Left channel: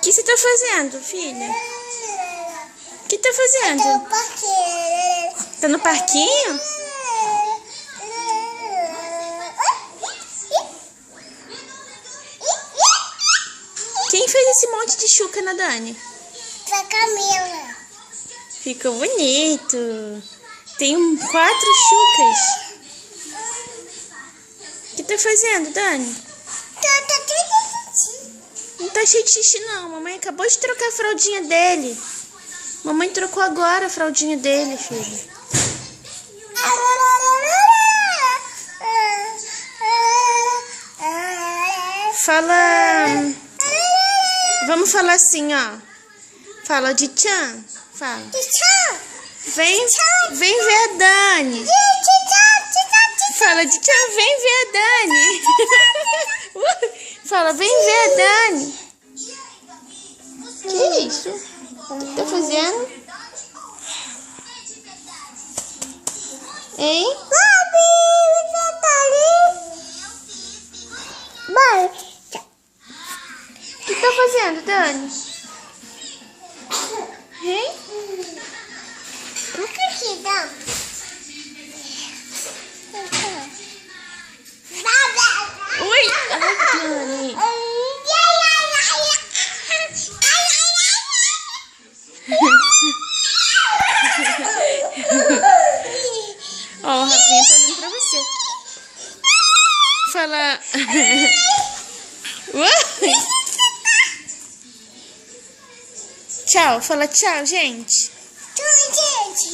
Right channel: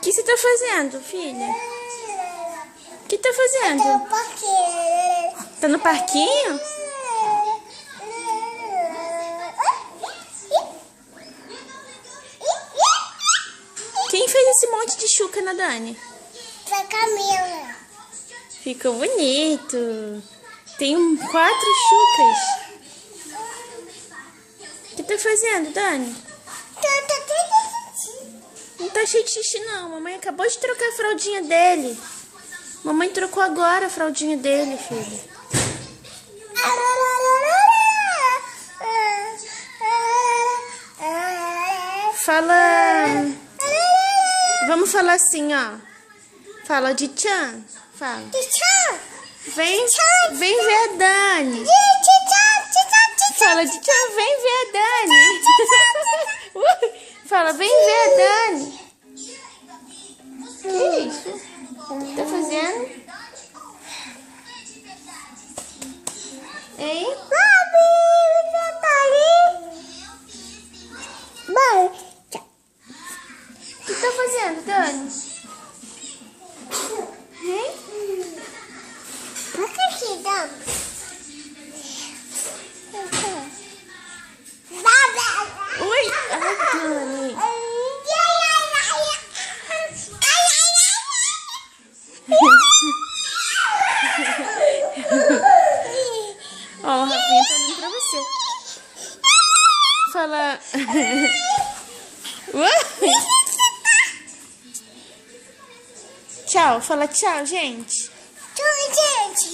O que você tá fazendo, filha? O que tá fazendo? Tá no parquinho? Quem fez esse monte de chuca na Dani? Pra Camila. Ficou bonito. Tem 4 chucas. O que tá fazendo, Dani? Não tá cheio de xixi, não. Mamãe acabou de trocar a fraldinha dele. Mamãe trocou agora a fraldinha dele, filho. Fala... Vamos falar assim, ó. Fala de tchan. Fala. Vem ver a Dani. Fala de tchan, vem ver a Dani. Fala, vem ver a Dani. Que isso? O que tá fazendo? Hein? O que tá fazendo, Dani? Hein? Oi! Ai, Dani! Ó, o Rafinha tá olhando pra você. Fala... Tchau, fala tchau, gente. Tchau, gente.